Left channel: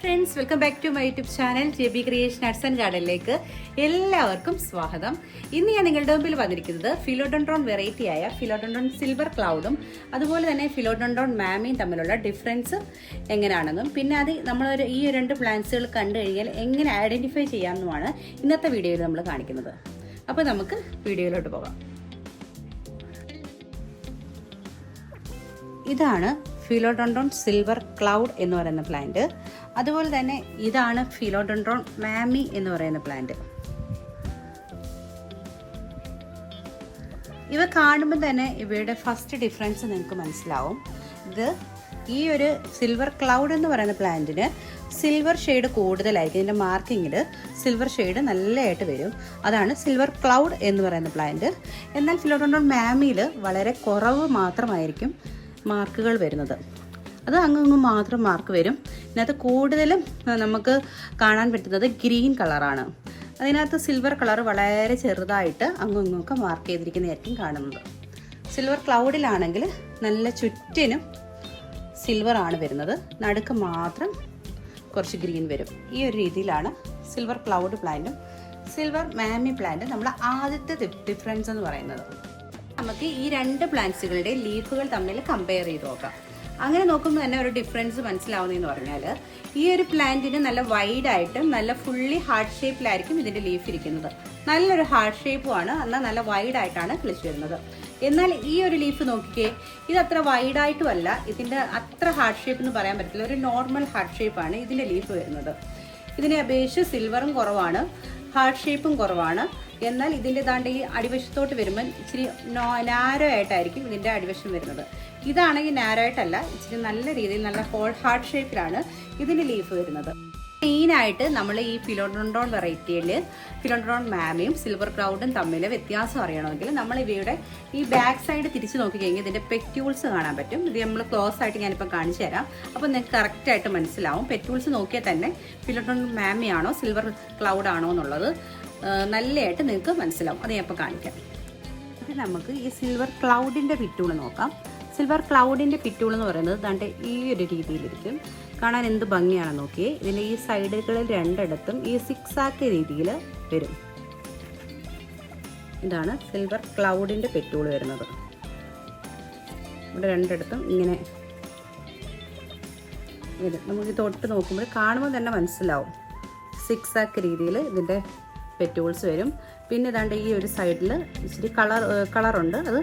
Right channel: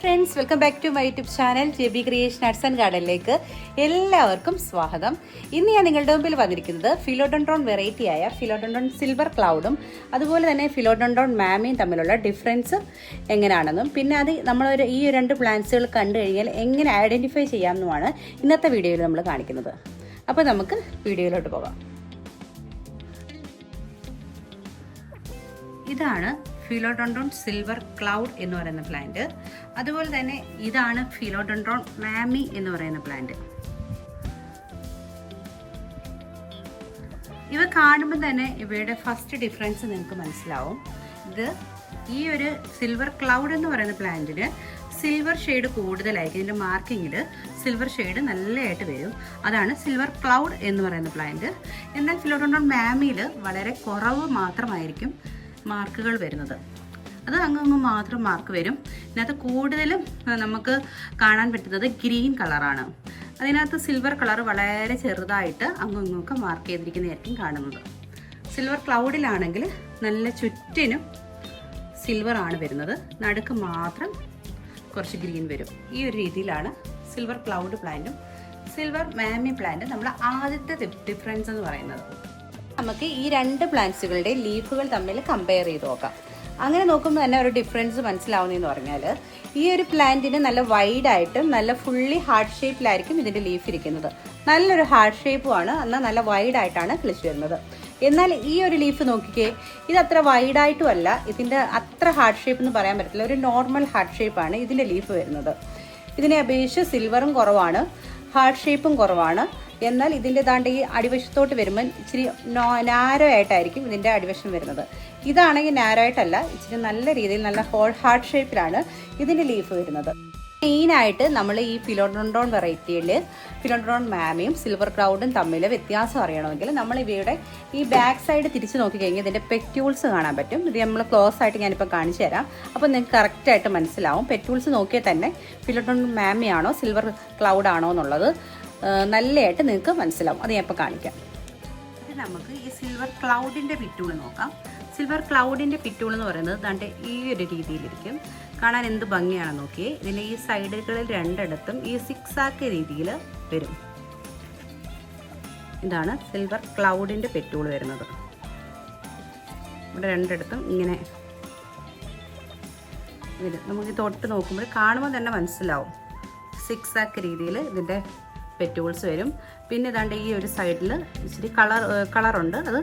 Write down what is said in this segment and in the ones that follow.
Friends, welcome back to my YouTube channel JB creation arts and ഗാർഡനിലേക്ക് എല്ലാവർക്കും സ്വാഗതം. ഇന്ന് ഞാൻ നിങ്ങളുടെ മുമ്പിൽ വന്നിരിക്കുന്നത് ഫിലോഡെൻഡ്രോൺ വെറൈറ്റി ആയ ഫിലോഡെൻഡ്രോൺ സിൽവർ ക്ലൗഡും അതുപോലെ തന്നെ ഫിലോഡെൻഡ്രോൺ മാമിയും തമ്മിലുള്ള ഡിഫറൻസ് എങ്ങനെയാണെന്നും പിന്നെ അത് നമ്മൾ ഈ രണ്ട് പ്ലാന്റ്സുകൾ കണ്ടു കഴിഞ്ഞാൽ എങ്ങനെ ഐഡന്റിഫൈ ചെയ്യാമെന്നുമാണ് ഇന്നത്തെ വീഡിയോയിൽ നമ്മൾ കാണിക്കുന്നത്. അപ്പോൾ നമുക്ക് വീഡിയോയിലോട്ട് പോകാം. ഇതാണ് ഫിലോഡെൻഡ്രോൺ സിൽവർ ക്ലൗഡ് എന്ന് പറയുന്ന പ്ലാന്റ്. അതുപോലെ തന്നെ ഇതാണ് ഫിലോഡെൻഡ്രോൺ മാമി എന്ന് പറയുന്ന പ്ലാന്റ്. ഇവ കാണുമ്പോൾ തന്നെ ഇവയുടെ ഫസ്റ്റ് ഡിഫറൻസ് നിങ്ങൾക്ക് മനസ്സിലാവും. ഈ ഒരു സിൽവർ ക്ലൗഡ് എന്ന് പറയുന്ന പ്ലാന്റിന് സിൽവർ ഷെയ്ഡ് കൂടുതലായിരിക്കും. ഇതിൻ്റെ മാർക്കിങ്ങിൽ സിൽവർ ഷെയ്ഡ് നല്ലതായിട്ട് വരും. അതാണ് സിൽവർ ക്ലൗഡ് എന്ന് പറയുന്ന പ്ലാന്റ്. എന്നാൽ ഫിലോഡെൻഡ്രോൺ മാമിയിൽ വളരെ കുറവ് മാത്രമായിരിക്കും മാർക്കുകൾ വരുന്നത്. അത് അങ്ങ് മാത്രം മാർക്ക് വരും. ഇതിനകത്ത് കൂടുതലും നമുക്ക് കാണാൻ പറ്റുന്നത് ഗ്രീൻ കളറാണ്. അതിനകത്ത് സിൽവർ കളർ വളരെ ചെറുതായിട്ട് അങ്ങൊക്കെ മാർക്ക് ചെയ്തിരിക്കുന്നതായിരിക്കും കാണുന്നത്. സിൽവർ ക്ലൗഡിലാണെങ്കിൽ നല്ല ചുറ്റിനും സിൽവർ ആണ് വരുന്നത്, നടുക്ക് മാത്രം കുറച്ച് ഗ്രീൻ വരും. ഈ ഒരു രീതിയിലാണ് സിൽവർ ക്ലൗഡ് പ്ലാന്റും സിൽവർ മാമി പ്ലാന്റും നമ്മൾ ആദ്യത്തെ ഡിഫറൻസ് എന്ന് പറയുന്നത്. നമുക്ക് ഈ രണ്ട് പ്ലാന്റ്സുകളുടെ ലീഫുകൾ തമ്മിൽ കമ്പയർ ചെയ്ത് നോക്കാം. അങ്ങനെ നോക്കുമ്പോൾ തന്നെ ഒരു ഡിഫറൻസ് മനസ്സിലാവുന്നതെന്ന് പറഞ്ഞാൽ ഈ ഒരു പ്ലാന്റിന് നല്ല വൈഡായിട്ടും നല്ല ഫുള്ളി ഹാർട്ട് ഷേപ്പിലായിരിക്കും ഇതിൻ്റെ ലീഫ് ഇരിക്കുന്നത്. നല്ലൊരു ഹാർട്ട് ഷേപ്പുമാണ്, എന്നാൽ നല്ല വൈഡായിട്ടാണ് കിളിച്ച് വരുന്നത്. എന്നാൽ ഈ ഒരു ലീഫ് നോക്കിക്കേ, ഇത് അത്ര വൈഡായിട്ടും അല്ല, ഇതിൻ്റെ അത്ര ഹാർട്ട് ഷേപ്പ് എന്ന് പറയാൻ പറ്റില്ല. ഒരു നോർമൽ ഹാർട്ട് ഷേപ്പാണ് ഇതിൻ്റെ ലീഫ് വരുന്നത്. ഇതിനെ അപേക്ഷിച്ച് സിൽവറും കുറവാണ്, ഹാർട്ട് ഷേപ്പും കുറവാണ്. എന്നാൽ ഇതിൻ്റെ ദാണ്ട് ഈ അടിവശത്തോട്ട് വരുമ്പോൾ ഇച്ചിരി നാരോ ആയിട്ടായിരിക്കും ഇതിൻ്റെ അടിവശം വരുന്നത്. ഇതാണെങ്കിൽ നാരോ ആയിട്ടല്ല, ഇച്ചിരി നല്ല രീതിയിൽ നല്ല ഹാർട്ട് ഷേപ്പിലാണ് ഇതിൻ്റെ ലീഫ് വരുന്നത്. മെയിനായിട്ട് നമ്മൾ ഈ ഫിലോഡെൻഡ്രോൺ വെറൈറ്റിയിൽ ഫിലോഡെൻഡ്രോൺ മാമിയും സിൽവർ ക്ലൗഡും തമ്മിൽ വ്യത്യാസം അറിയണമെങ്കിൽ നമ്മൾ ഇവയുടെ ഈ ബാക്ക് സൈഡ് തിരിച്ച് നോക്കിക്കഴിഞ്ഞാൽ ഇതിൻ്റെ പെറ്റ്യൂൾസ് കാണാൻ പറ്റും. ഇത് നമ്മൾ ക്ലോസ് ആയിട്ട് ഞാനിപ്പോൾ കാണിച്ചു തരാം. അപ്പോൾ നിങ്ങൾക്ക് കറക്റ്റായിട്ട് മനസ്സിലാവും. പെറ്റ്യൂൾസ് നോക്കിയാൽ തന്നെ ഫിലോഡെൻഡ്രോൺ മാമിയാണോ സിൽവർ ക്ലൗഡ് ആണോ എന്നുള്ളത് നല്ലതായിട്ട് നിങ്ങൾക്ക് മനസ്സിലാവും. അത് ഞാൻ ഇപ്പോൾ കാണിക്കാം. ഇത് നമുക്ക് ഈ സിൽവർ ക്ലൗഡിൻ്റെ പിറ്റൂൾ നോക്കാം. സിൽവർ ക്ലൗഡിൻ്റെ പിറ്റൂൾ എന്ന് പറയുന്നത് ദാണ്ട് ഈ ഒരു രീതിയിലിരിക്കും. കാണാൻ എന്ത് ഭംഗിയാണെന്ന് നോക്കിയേ. ഇതിൻ്റെ ഈ സൈഡുകളിൽ രണ്ടിടത്തും ഈ സിക്സാക്ക് രീതിയിൽ വരും. ഇതാണ് സിൽവർ ക്ലൗഡിൻ്റെ പെറ്റൂൾ വരുന്നത്. ഇവിടെ രണ്ടിടത്തും ഇങ്ങനെ വരും. നമുക്ക് തൊട്ട് നോക്കുമ്പോൾ കാണുമ്പോൾ തന്നെ മനസ്സിലാവും. സിക്സാക്ക് രീതിയിൽ ഇതിൻ്റെ പെറ്റൂൾസ് വരും. പിന്നെ ഇതാണ്ട് ഈ ഒരു സൈഡിൽ ഇച്ചിരി കളറുണ്ട്. അത്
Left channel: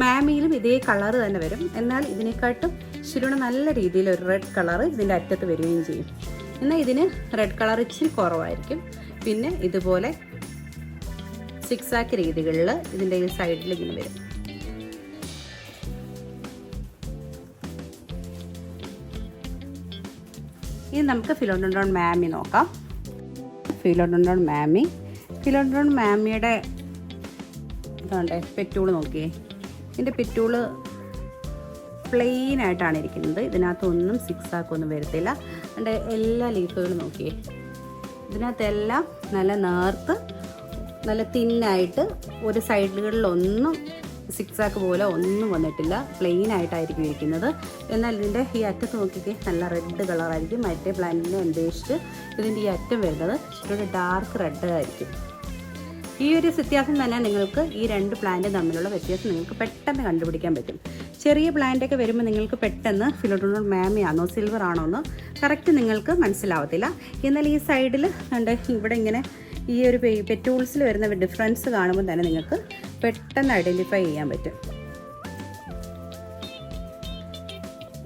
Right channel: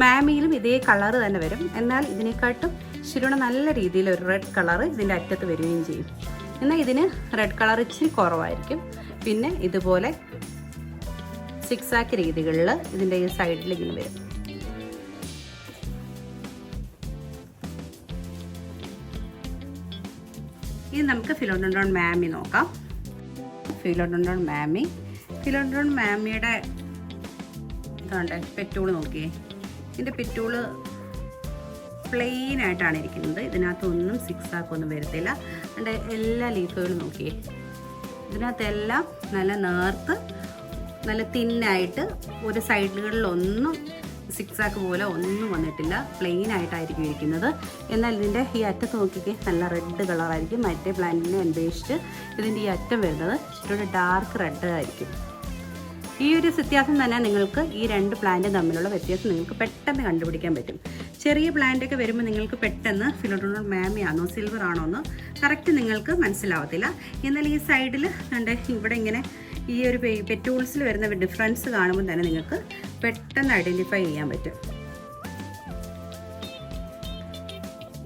മാമിയിലും ഇതേ കളർ തന്നെ വരും. എന്നാൽ ഇതിനെക്കാട്ടും ഇച്ചിരിയുടെ നല്ല രീതിയിൽ ഒരു റെഡ് കളർ ഇതിൻ്റെ അറ്റത്ത് വരികയും ചെയ്യും. എന്നാൽ ഇതിന് റെഡ് കളർ ഇച്ചിരി കുറവായിരിക്കും. പിന്നെ ഇതുപോലെ സിക്സാക്ക് രീതികളിൽ ഇതിൻ്റെ ഈ സൈഡിൽ ഇങ്ങനെ വരും. ഇനി നമുക്ക് ഫിലോഡെൻഡ്രോൺ മാമി നോക്കാം. ഫിലോഡെൻഡ്രോൺ മാമിയുടെ ഇതാണ്ടേ പെറ്റൂള് നോക്കിയേ. ഇതിൻ്റെ പെറ്റൂള് പ്ലെയിൻ ആയിട്ടാണ് ഇരിക്കുന്നത്. ഇതിനകത്തൊന്നും സിക്സാക്കൊന്നും വരത്തില്ല. അതിൻ്റെ എല്ലാ ലീഫുകളും നോക്കിയേ. ഇതിനകത്തെല്ലാം നല്ല നേർത്ത് നല്ല തിന്നായിട്ട് ഒരു സൈഡുകളിലൊന്നും സിക്സാക്ക് പോലെ ഒന്നും വന്നിട്ടില്ല. പ്ലെയിൻ ആയിട്ടായിരിക്കും ഇരിക്കുന്നത്. എന്നാൽ ഇതിൻ്റെ ഈ അറ്റത്ത് നോക്കിക്കേ, നല്ല റെഡ് കളറായിരിക്കും. മറ്റേ പ്ലാന്റിനെ അപേക്ഷിച്ച് ഇതിൻ്റെ ഈ അറ്റം വരുന്നത് ഇച്ചിരി ഡാർക്ക് റെഡ് ആയിരിക്കും. ഈ ഒരു വ്യത്യാസം തന്നെ നിങ്ങൾക്ക് ഈ രണ്ട് പ്ലാന്റ് തമ്മിലുള്ള വ്യത്യാസം നിങ്ങൾക്ക് പെട്ടെന്ന് കണ്ടുപിടിക്കാൻ പറ്റും. ചെറിയ പ്ലാന്റൊക്കെ വരുമ്പോൾ നിങ്ങൾക്ക് പെട്ടെന്ന് ഫിലോഡെൻഡ്രോൺ മാമി ആണോ സിൽവർ ആണോ എന്ന് കറക്റ്റ് നിങ്ങൾക്ക് മനസ്സിലാവത്തില്ല. എന്നാൽ ഈ സൈഡിൽ ഇവിടെ ഇങ്ങനെ ഈ ഒരു പെറ്റൂൾസിൽ വരുന്ന ഡിഫറൻസ് കാണുമ്പോൾ തന്നെ നിങ്ങൾക്ക് പെട്ടെന്ന് ഐഡൻറ്റിഫൈ ചെയ്യാൻ പറ്റും.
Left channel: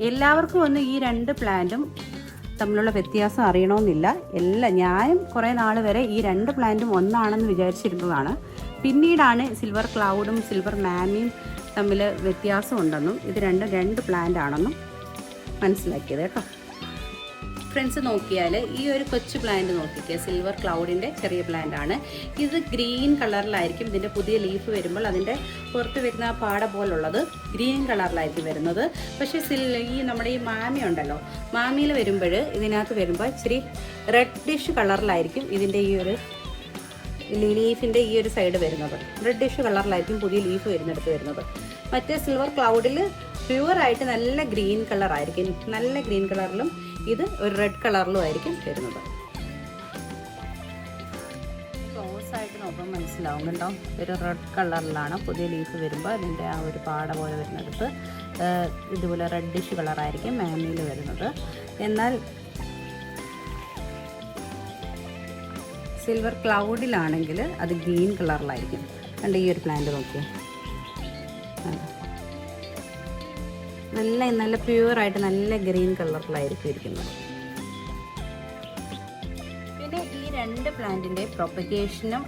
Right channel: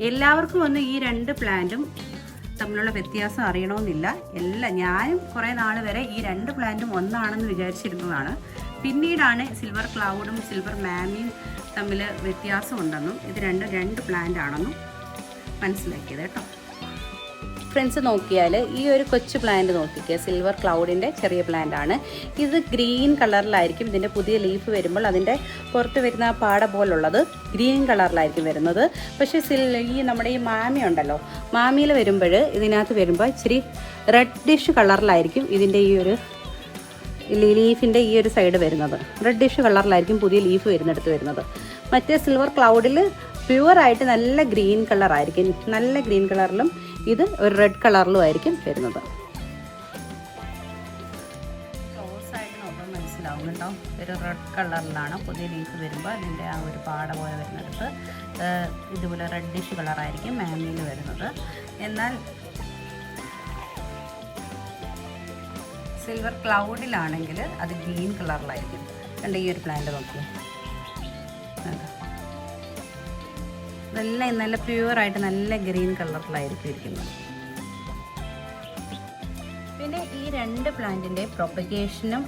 എല്ലാവർക്കും ഒന്ന് ഈ രണ്ട് പ്ലാന്റും തമ്മിലുള്ള വ്യത്യാസം അറിയണമെന്നില്ല. ഞാനും കുറേ നാൾ വരെ ഈ രണ്ട് പ്ലാന്റും ഒന്നാണെന്ന് വിചാരിച്ചിരുന്നതാണ്. പിന്നീടാണ് സിൽവർ ക്ലൗഡും സിൽവർ മാമിയും തമ്മിൽ വ്യത്യാസമുണ്ടെന്നും ഇത് രണ്ട് പ്ലാന്റ് ആണെന്നും മനസ്സിലാക്കിയത് കേട്ടോ. ഫ്രണ്ട്സ് നോക്കിയാൽ ഈ ഒരു കൊച്ചു പ്ലാന്റ് നോക്കിക്കുക, സിൽവർ ക്ലൗഡിൻ്റെ ചെറിയ പ്ലാന്റ് ആണ്. ഇത് ഗ്രീൻ കളറിലായിരിക്കും. ഇതിൻ്റെ പുതിയ ലീഫ് വരുമ്പോൾ അതിൻ്റെ പുറത്ത് വരുന്ന പാട പോലുള്ളത് ഗ്രീൻ കളറിലായിരിക്കും വരുന്നത്. പക്ഷേ ഈ നമ്മുടെ ഈ മാമി ഉണ്ടല്ലോ, മാമിയിൽ വരുമ്പോൾ ഇതിനകത്ത് വരുമ്പോൾ ഇച്ചിരി റെഡിഷ് കളറിലായിരിക്കും ഇതിൻ്റെ ഈ ഒരു ലീഫിൻ്റെ ഈ ഒരു സൈഡ് വരുന്നത്. റെഡിഷ് കളറിലായിരിക്കും പുതിയ ലീഫ് വരുന്നിടത്ത് വരുന്നത്. മറ്റേ സിൽവർ ക്ലൗഡിൽ പ്യുവറായിട്ട് നല്ല ഗ്രീൻ കളറായിരിക്കും. നല്ല ഗ്രീൻ കളറിലും ഇത് ഒരു റെഡ് കളറിലും ആയിരിക്കും വരുന്നത്. ക്ലോസ് ആയിട്ട് നോക്കുമ്പോൾ മനസ്സിലാവും കേട്ടോ, ഒരു റെഡ് കളറിലാണ് പുതിയ ലീഫ് വരുമ്പോൾ അതിൻ്റെ ആ ഒരു പാട പോലെ വരുന്നിടത്ത് ഇതുപോലെ റെഡിഷ് കളറായിരിക്കും മാമിയിൽ വരുന്നത്. എന്നാൽ സിൽവർ ക്ലൗഡിലാണെങ്കിൽ അത് ഗ്രീൻ കളറിലായിരിക്കും. കണ്ട് ഈ ഒരു പ്ലാന്റ് നോക്കിയേ, നല്ല പ്യുവറായിട്ട് നല്ല ഗ്രീൻ കളറിലായിരിക്കും ഇരിക്കുന്നത്. പിന്നെ ഈ രണ്ട് പ്ലാന്റിൻ്റെ പ്രൊപ്പഗേഷനും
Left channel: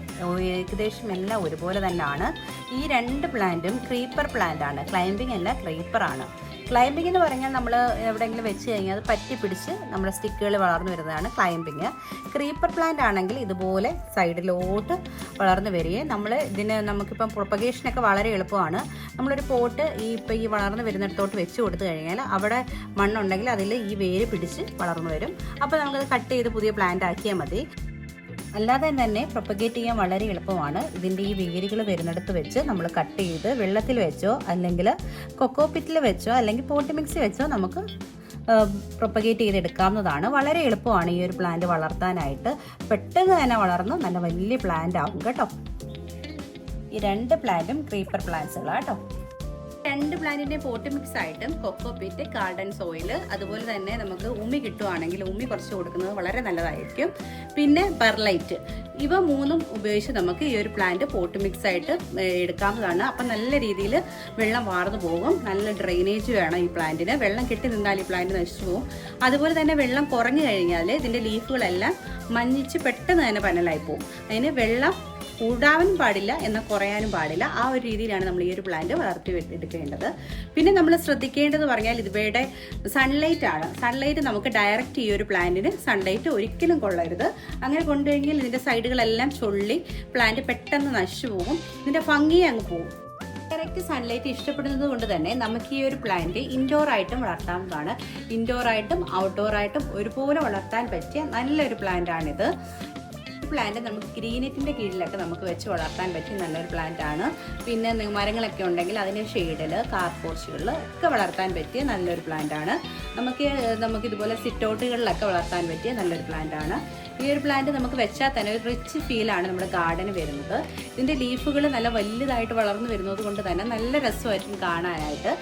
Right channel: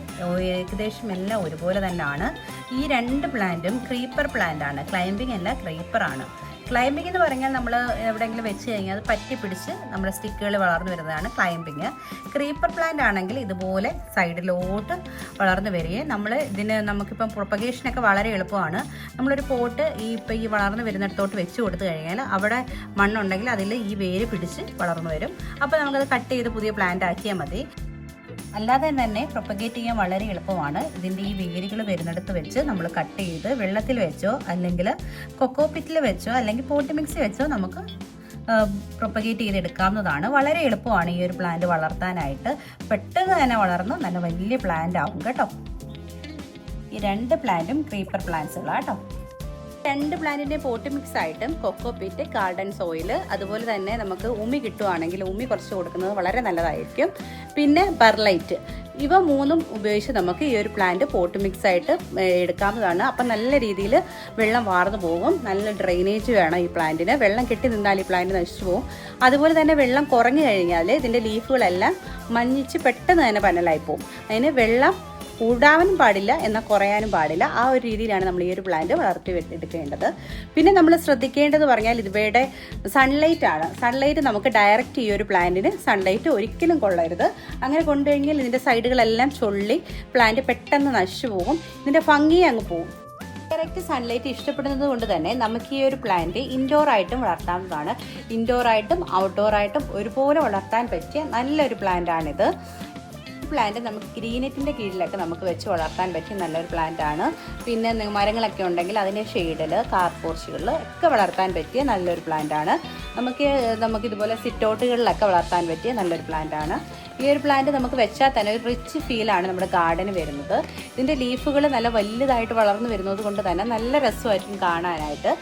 ഏകദേശം എല്ലാം ഒരുപോലെ തന്നെയാണ്. ഈ രണ്ട് പ്ലാന്റും ക്രീപ്പർ പ്ലാന്റ് ആണ്, ക്ലൈംബിംഗ് അല്ല ക്രീപ്പറാണ്. ക്ലൈംബിംഗ് എന്ന് പറഞ്ഞാൽ നമ്മൾ എവിടെയെങ്കിലും വെച്ച് കഴിഞ്ഞാൽ അത് പറ്റി പിടിച്ച് നമ്മുടെ സ്റ്റിക്കുകൾ വളർന്നു വരുന്നതാണ് ക്ലൈംബിങ്. ക്രീപ്പർ പ്ലാന്റ് ആണെങ്കിൽ ഇതുപോലെ സൈഡിലോട്ട് വളർന്നു വരികയും നമുക്കിപ്പം പ്രൊപ്പഗേഷനൊക്കെ വളരെ എളുപ്പമാണ്. നമ്മളൊരു പോട്ട് ഈ വളർന്നു വരുന്നിടത്തോട്ട് വെച്ച് കൊടുത്തു കഴിഞ്ഞാൽ അവിടെ മണ്ണുണ്ടെങ്കിൽ അതിൽ ഈ വേര് പിടിച്ച് വളർന്നു വരും. അപ്പോൾ നമുക്കത് കട്ട് ചെയ്ത് പുതിയ പ്ലാന്റ് ആക്കിയാൽ മതി. അല്ലാതെ തന്നെ പ്രൊപ്പഗേറ്റ് ചെയ്യാൻ വളരെ എളുപ്പമാണ്. ഇതിൻ്റെ ഈ വേരുകൾ വരുന്നിടത്ത് വെച്ച് നമ്മൾ കട്ട് ചെയ്ത് വെള്ളത്തിൽ വെച്ചോ അല്ലെങ്കിൽ കൊക്കോ പിറ്റിൽ വെച്ചോ അല്ലെങ്കിൽ പോട്ടി മിക്സി വെച്ചോ നമുക്ക് പ്രൊപ്പഗേറ്റ് ചെയ്തെടുക്കാവുന്നതാണ്. വളരെ എളുപ്പമാണ് ഈ ഒരു പ്ലാന്റ് വളർത്താനായിട്ട്. പെട്ടെന്ന് തന്നെ വളർന്ന് നല്ല വലിയ പ്ലാന്റ് ആവും കേട്ടോ. ഈ രണ്ട് പ്ലാന്റും ക്രീപ്പർ പ്ലാന്റ്സുകളാണ് കേട്ടോ. രണ്ട് പ്ലാന്റിൻ്റെ പോട്ട് മിക്സ് ആയിട്ടും കൊക്കോ പിറ്റ്, ഗാർഡൻ സോയിൽ, അതുപോലെ തന്നെ നമുക്ക് ഉമി കിട്ടുവാണെങ്കിൽ ഉമി കുറച്ച് കൊടുക്കുന്നത് വളരെ നല്ലതായിരിക്കും. പിന്നെ പെർലൈറ്റ്, ഇവ മൂന്നും ഉപയോഗിച്ച് നമുക്ക് ഈ ഒരു പ്ലാന്റ് പോട്ട് മിക്സ് ആയിട്ട് എടുക്കാവുന്നതാണ്. അപ്പം നല്ല രീതിയിൽ വെള്ളം വാർന്നു പോകും. നല്ല ഡ്രെയിനേജ് വേണം ഈ പ്ലാന്റിന്. വെള്ളം കെട്ടി നിന്നാൽ ഈ പ്ലാന്റ് നശിച്ചു പോകും. അതുപോലെ തന്നെ വെള്ളം കുറഞ്ഞു കഴിഞ്ഞാൽ ഇതിൻ്റെ ലീഫുകളെല്ലാം മഞ്ഞിച്ച് പെട്ടെന്ന് തന്നെ പനലായി പോകും. അതിന് വെള്ളം കൂടാനും പാടില്ല എന്നാൽ കുറയാനും പാടില്ല. ആ ഒരു രീതിയിലാണ് നമ്മൾ ഈ ഒരു പ്ലാന്റ് വളർത്തി എടുക്കേണ്ടത്. പിന്നെ നമ്മൾ ശ്രദ്ധിക്കേണ്ടത് പറഞ്ഞാൽ ഇവയുടെ സൺലൈറ്റ് ആണ്. സൺലൈറ്റ് നമുക്ക് ഡയറക്റ്റ് ഈ ഒരു പ്ലാന്റിന് സൺലൈറ്റ് ഒരിക്കലും കൊള്ളരുത്. അങ്ങനെ കൊണ്ടുകഴിഞ്ഞാൽ ഇതിൻ്റെ സൈഡുകളെല്ലാം ചൊള്ളി പ്ലാന്റ് പെട്ടെന്ന് നശിച്ചു പോകും. ഇതിൻ്റെ ഭംഗി അങ്ങ് പോകും. ഡയറക്റ്റ് സൺലൈറ്റ് ഇഷ്ടപ്പെടുന്നത് കൊണ്ട് തന്നെ നമുക്ക് ഈ ഒരു പ്ലാന്റ് ഇൻഡോർ ആയിട്ടും വളർത്താവുന്നതാണ്. ഇൻഡോർ ആയിട്ടും ഔട്ട്ഡോർ ആയിട്ടും ഒരുപോലെ വളർത്താൻ പറ്റിയ നല്ലൊരു പ്ലാന്റ് ആണിത്. പ്ലാന്റ് നമുക്ക് ഗ്രീനെറ്റിൻ്റെ കീഴിലൊക്കെ നമുക്ക് വെച്ച് വളർത്താൻ പറ്റിയ നല്ലൊരു പ്ലാന്റ് ആണ്. പിന്നെ മരങ്ങളൊക്കെ ഉണ്ടെങ്കിൽ അതിൻ്റെ ഷെയ്ഡിൽ, കാർ പോർച്ചുകളിൽ ഒക്കെ വളർത്താൻ പറ്റിയ നല്ലൊരു പ്ലാന്റ് ആണ്. നമുക്കിതുപോലെ സിറ്റൗട്ടുകളിലൊക്കെ വളർത്താൻ പറ്റിയ നല്ലൊരു പ്ലാന്റ് ആണ്. ഈ ഒരു പ്ലാന്റ് നമുക്ക് വെച്ചാൽ തന്നെ ഒരു റിച്ച് ഫീലാണ് നമ്മുടെ ഗാർഡന് വരുന്നത്. ഇതിൻ്റെ ലീഫുകൾ നല്ല വലുതായിട്ട് വളർന്നു വരുന്നത് കൊണ്ട് തന്നെ നല്ല രസമായിരിക്കും കാണാനായിട്ട്.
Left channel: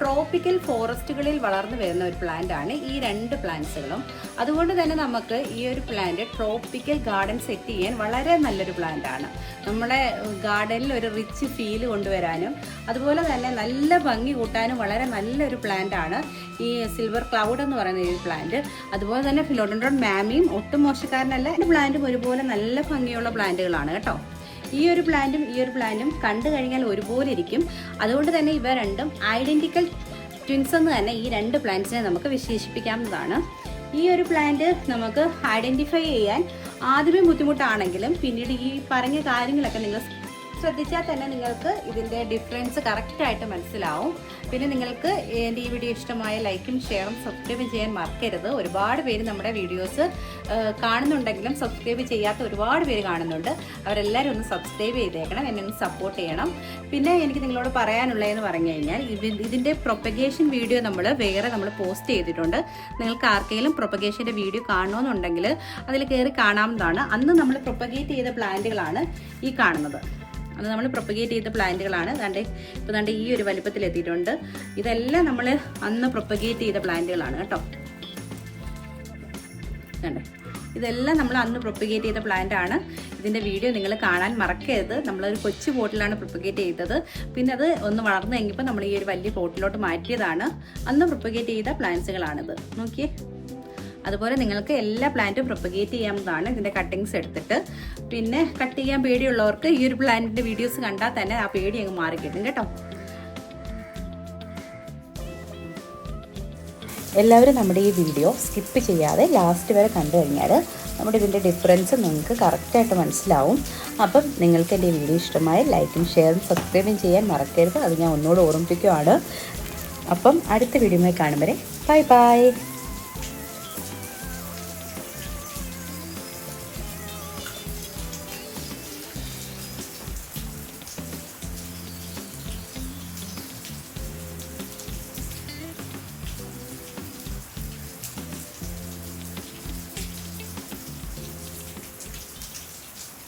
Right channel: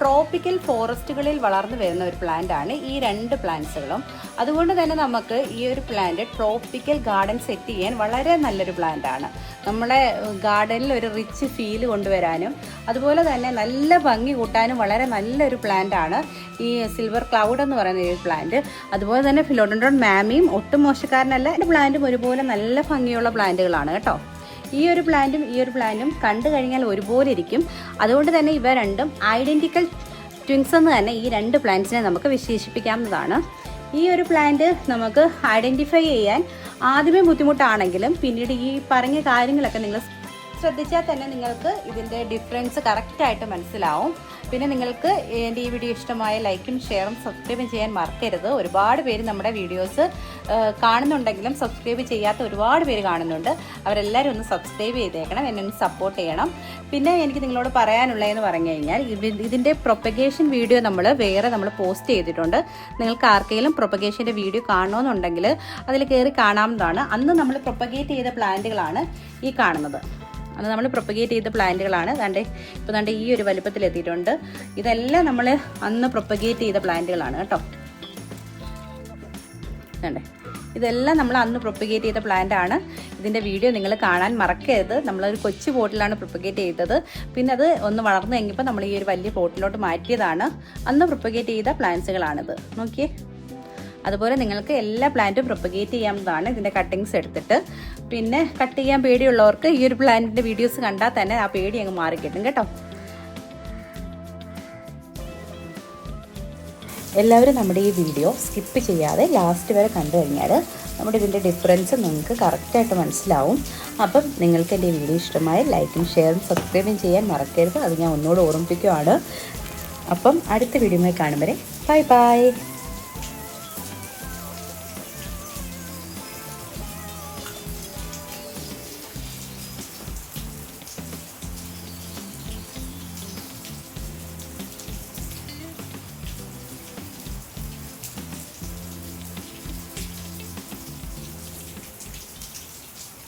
ട്രോപ്പിക്കൽ ഫോറസ്റ്റുകളിൽ വളർന്നു വരുന്ന ഒരു പ്ലാന്റ് ആണ് ഈ രണ്ട് പ്ലാന്റ്സുകളും. അതുകൊണ്ട് തന്നെ നമുക്ക് ഈ ഒരു പ്ലാന്റ് ട്രോപ്പിക്കൽ ഗാർഡൻ സെറ്റ് ചെയ്യാൻ വളരെ നല്ലൊരു പ്ലാന്റ് ആണ്. നമ്മുടെ ഗാർഡനിൽ ഒരു റിച്ച് ഫീൽ കൊണ്ടുവരാനും അതുപോലെ തന്നെ നല്ല ഭംഗി കൂട്ടാനും വളരെ നല്ലൊരു പ്ലാന്റ് ആണ് ഈ സിൽവർ ക്ലൗഡ് എന്ന് പറയുന്ന ഈ പ്ലാന്റ്. അതുപോലെ തന്നെ ഫിലോഡൻഡ്രോൺ മാമിയും ഒട്ടും മോശക്കാരനല്ല. ഈ പ്ലാന്റും ഒരുപോലെ നല്ല ഭംഗിയുള്ള പ്ലാന്റുകളാണ് കേട്ടോ. ഈ ഒരു പ്ലാന്റും കണ്ടു കഴിഞ്ഞാൽ ഒരുപോലെ ഇരിക്കും. അതുകൊണ്ട് തന്നെ ഇവ രണ്ടും ഐഡന്റിക്കൽ ട്വിൻസ് എന്ന് തന്നെ ഈ രണ്ട് പ്ലാന്റ്സിനെ നമുക്ക് വിശേഷിപ്പിക്കാവുന്നതാണ്. ഈ ഒരു പ്ലാന്റ് നമുക്ക് ഐഡന്റിഫൈ ചെയ്യാൻ ആദ്യമേ ബുദ്ധിമുട്ടാണെങ്കിലും പിന്നീട് ഈ പറഞ്ഞ കാര്യങ്ങളൊക്കെ നിങ്ങൾ ശ്രദ്ധിച്ചാൽ തന്നെ നിങ്ങൾക്ക് ഇതിൻ്റെ ഡിഫറൻസ് കറക്റ്റായിട്ട് മനസ്സിലാവും. പിന്നെ നിങ്ങൾക്ക് എൻ്റെ ഈ വീഡിയോ ഇഷ്ടമായ ലൈക്കും ഷെയറും സബ്സ്ക്രൈബും ചെയ്യാൻ മറക്കരുത്. ഒരുപാട് പേര് നമ്മുടെ വീഡിയോസ് കാണുന്നുണ്ടെങ്കിലും സബ്സ്ക്രൈബ് ചെയ്യാത്ത ഒരുപാട് പേര് കാണുന്നുണ്ട്. അവരെല്ലാവരും ഒന്ന് സബ്സ്ക്രൈബ് ചെയ്തേക്കണം, എന്നെ ഒന്ന് സപ്പോർട്ട് ചെയ്യണം. പിന്നെ എനിക്ക് നിങ്ങളോട് പറയാനുള്ളതെന്ന് പറഞ്ഞു കഴിഞ്ഞാൽ ഇതിൻ്റെ പ്രൊപ്പഗേഷൻ വീഡിയോ നമ്മൾ പോസ്റ്റ് ചെയ്തിട്ടുണ്ട്. നിങ്ങൾക്ക് ആർക്കെങ്കിലും പ്രൊപ്പഗേഷൻ്റെ വീഡിയോ കാണണമെന്നുണ്ടെങ്കിൽ അതിൽ കയറി കാണാവുന്നതാണ്. അന്ന് നമ്മൾ പ്രൊപ്പഗേറ്റ് ചെയ്ത പ്ലാന്റുകളാണ് ഈ കാണുന്നത്. അത് നമ്മൾ പ്രൊപ്പഗേറ്റ് ചെയ്ത പ്ലാന്റുകളാണ്. ഇപ്പോൾ ഈ ഒരു വലുപ്പത്തിൽ എത്തിയിട്ടുണ്ട്. ഇതെല്ലാം നമ്മൾ അന്ന് പ്രൊപ്പഗേറ്റ് ചെയ്ത പ്ലാന്റുകളാണ് കേട്ടോ. ഇതെല്ലാം നമ്മൾ അന്ന് പ്രൊപ്പഗേറ്റ് ചെയ്ത പ്ലാന്റ് ആണ്. ഇതിൻ്റെ വീഡിയോ നിങ്ങൾ കാണാൻ മറക്കരുത്. നമ്മളൊരു കൊച്ചു പോട്ടിലാണ് പ്രൊപ്പഗേറ്റ് ചെയ്തത്. പിന്നെ അത് ഒന്ന് വളർന്നു കഴിഞ്ഞപ്പോൾ നമ്മൾ ഈ ഒരു വലിയ പോട്ടിലോട്ട് മാറ്റിയതാണ്. അന്ന് പ്രൊപ്പഗേറ്റ് ചെയ്ത പ്ലാന്റ്സുകളാണിത്. നോക്കിയേ. അതുപോലെ നിങ്ങൾക്ക് എല്ലാ പ്ലാന്റും പ്രൊപ്പഗേറ്റ് ചെയ്യാവുന്നതാണ് ഇതിൻ്റെ കട്ടിങ്സ് എടുത്തിട്ട്. പിന്നെ കട്ട് ചെയ്യാൻ പേടിയുള്ളവർക്ക് ഈ ഒരു പ്ലാന്റിൻ്റെ വീഡിയോസ് കണ്ടാൽ തന്നെ ആ പേടി അങ്ങ് മാറിക്കിട്ടും കേട്ടോ. എല്ലാവരും നമ്മുടെ ഈ വീഡിയോ സ്കിപ്പ് ചെയ്യാതെ ലാസ്റ്റ് വരെ കണ്ടു കഴിഞ്ഞാൽ നമ്മുടെ ഇതിൻ്റെ ഡിഫറൻസ് നിങ്ങൾക്ക് കറക്റ്റായിട്ട് മനസ്സിലാവും. അപ്പം നിങ്ങൾക്ക് എൻ്റെ ഈ വീഡിയോ ഇഷ്ടമായ ലൈക്കും ഷെയറും സബ്സ്ക്രൈബും ചെയ്യാൻ മറക്കരുത്. അത് ഞാൻ ഒന്നുകൂടെ ഓർമ്മിപ്പിക്കുകയാണ്. അപ്പം അടുത്ത വീഡിയോയുമായി കാണും വരെ ബൈ ബൈ.